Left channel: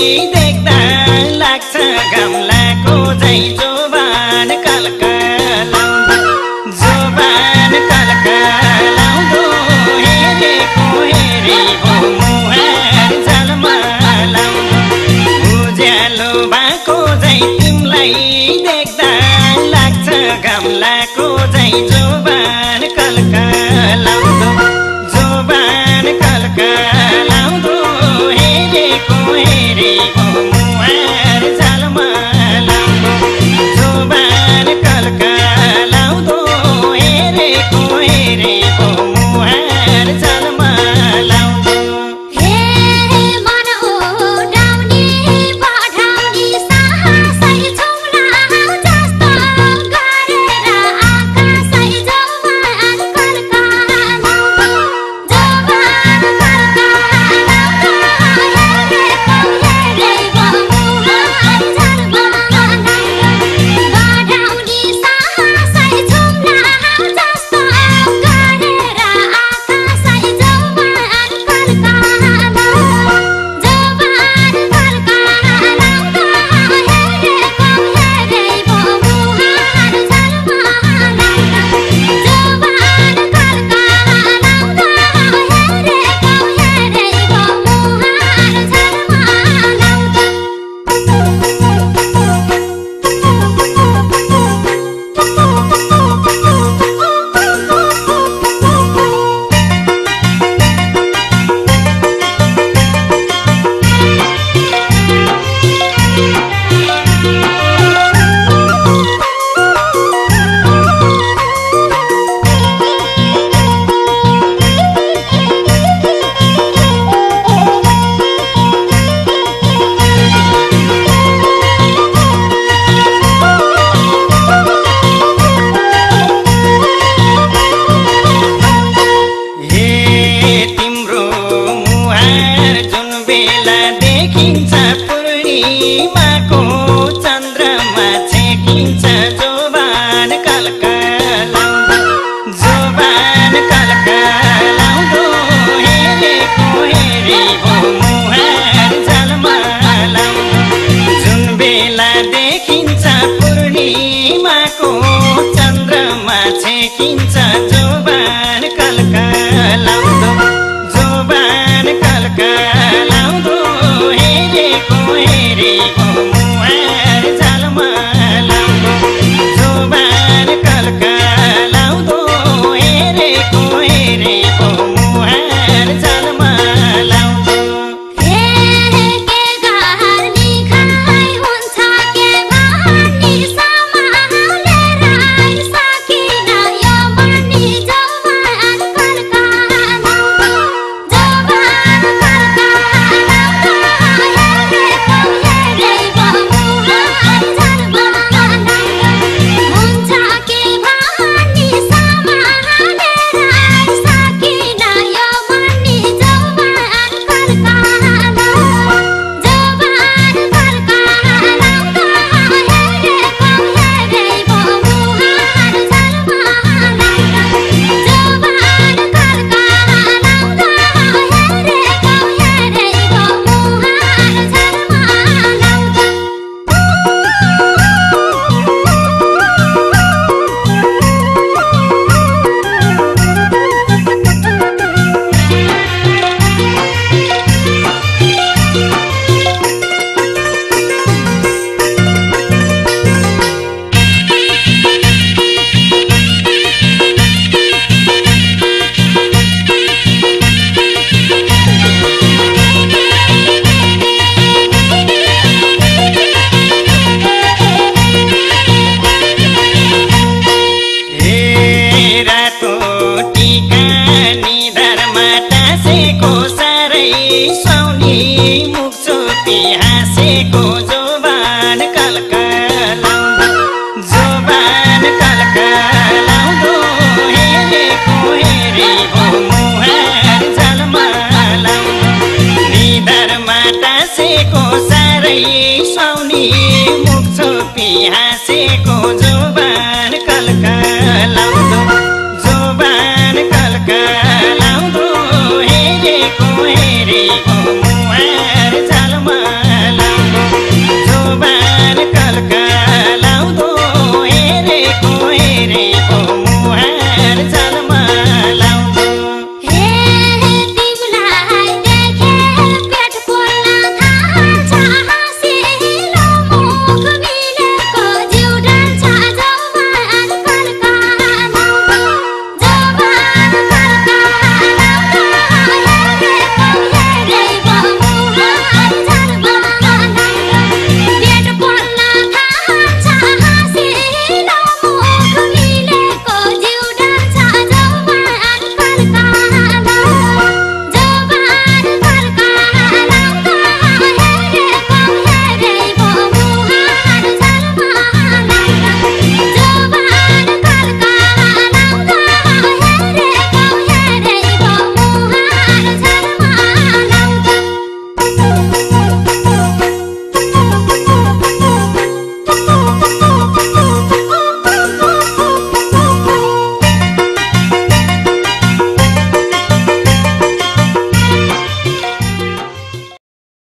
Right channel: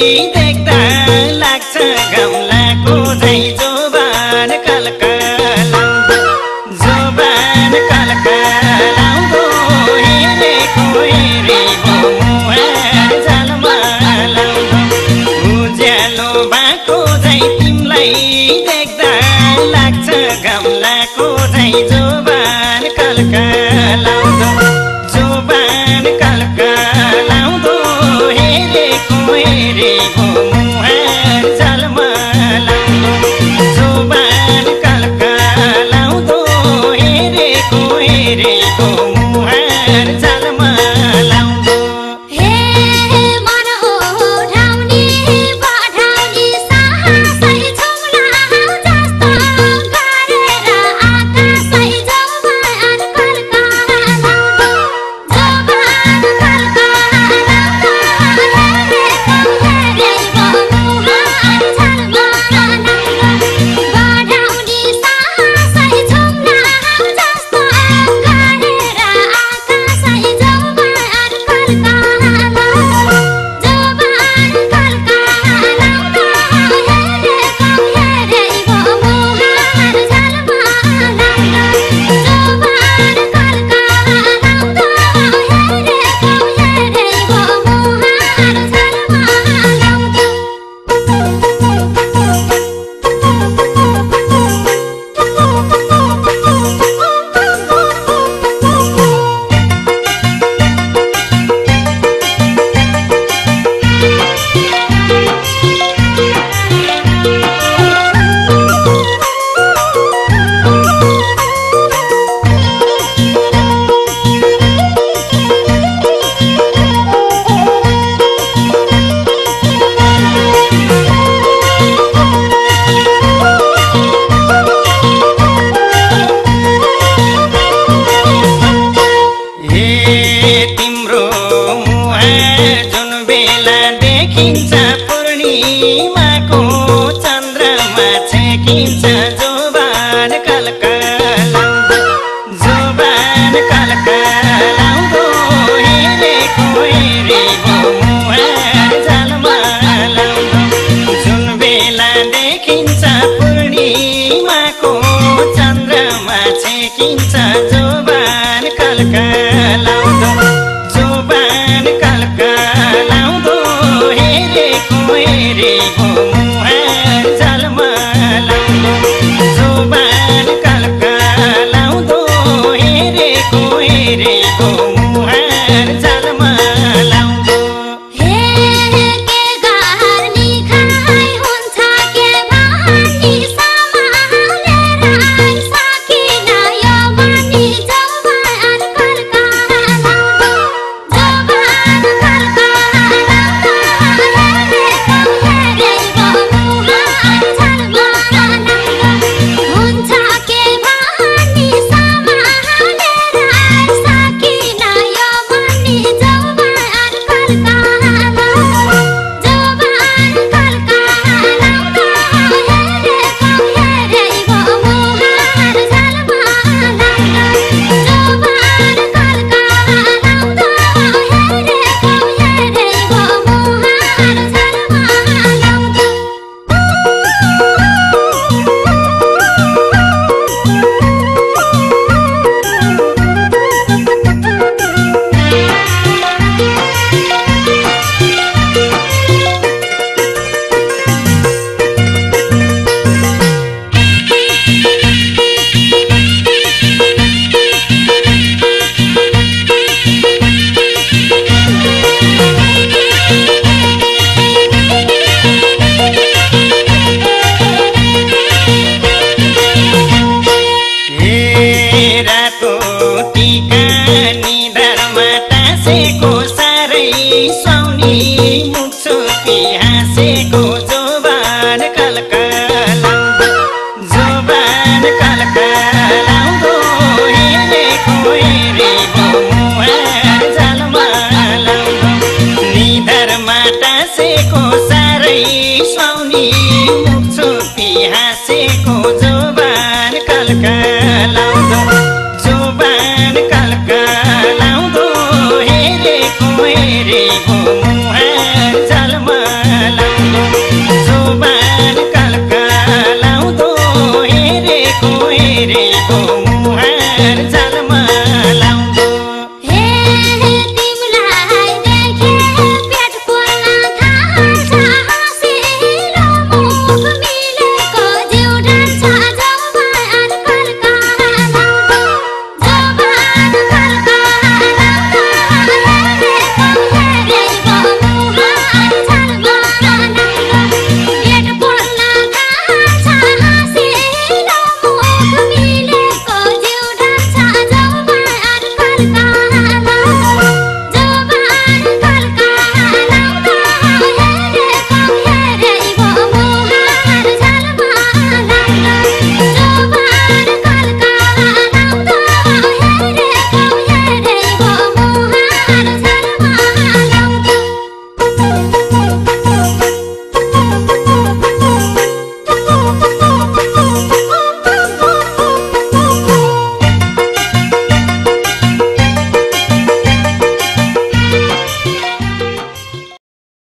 देख्दा लाग्छ गमलाको झै जोबान कलकलाउँदो जोबान कलकलाउँदो हेरेको हेरेको मुहार झलमलाउँदो उज्यालो भएको झै तिमीलाई देख्दा लाग्छ गमलाको झै जोबान कलकलाउँदो जोबान कलकलाउँदो हेरेको हेरेको मुहार झलमलाउँदो जोबान कलकलाउँदो हेरेको हेरेको मुहार झलमलाउँदो हे मन उठाउने पठाउने साहसै छौला जस्तो गरेर आकाशै जोबान कलकलाउँदो जोबान कलकलाउँदो हेरेको हेरेको मुहार झलमलाउँदो पठाउने साहसै छौला जस्तो गरेर आकाशै जोबान कलकलाउँदो जोबान कलकलाउँदो हेरेको हेरेको मुहार झलमलाउँदो जोबान कलकलाउँदो हेरेको हेरेको मुहार हे तिम्रो मुहार जुन बेला देखिन्छ पूर्णिमाको चन्द्रमा छेकिन्छ जोबान कलकलाउँदो जोबान कलकलाउँदो हेरेको हेरेको मुहार झलमलाउँदो जुन बेला देखिन्छ पूर्णिमाको चन्द्रमा छेकिन्छ जोबान कलकलाउँदो जोबान कलकलाउँदो हेरेको हेरेको मुहार झलमलाउँदो जोबान कलकलाउँदो हेरेको हेरेको मुहार झलमलाउँदो हे के गर्ने खाइ हुन्छ के भन्ने सम्हालेर सकिन यो मर्ने जोबान कलकलाउँदो जोबान कलकलाउँदो हेरेको हेरेको मुहार झलमलाउँदो हुन्छ के भन्ने सम्हालेर सकिन यो मर्ने जोबान कलकलाउँदो जोबान कलकलाउँदो हेरेको हेरेको मुहार झलमलाउँदो जोबान कलकलाउँदो हेरेको हेरेको मुहार झलमलाउँदो हे रातो टीका निधारमा टाँसेको साह्रै सुहाउने मुख छोपी हाँसेको जोबान कलकलाउँदो जोबान कलकलाउँदो हेरेको हेरेको मुहार झलमलाउँदो निधारमा टाँसेको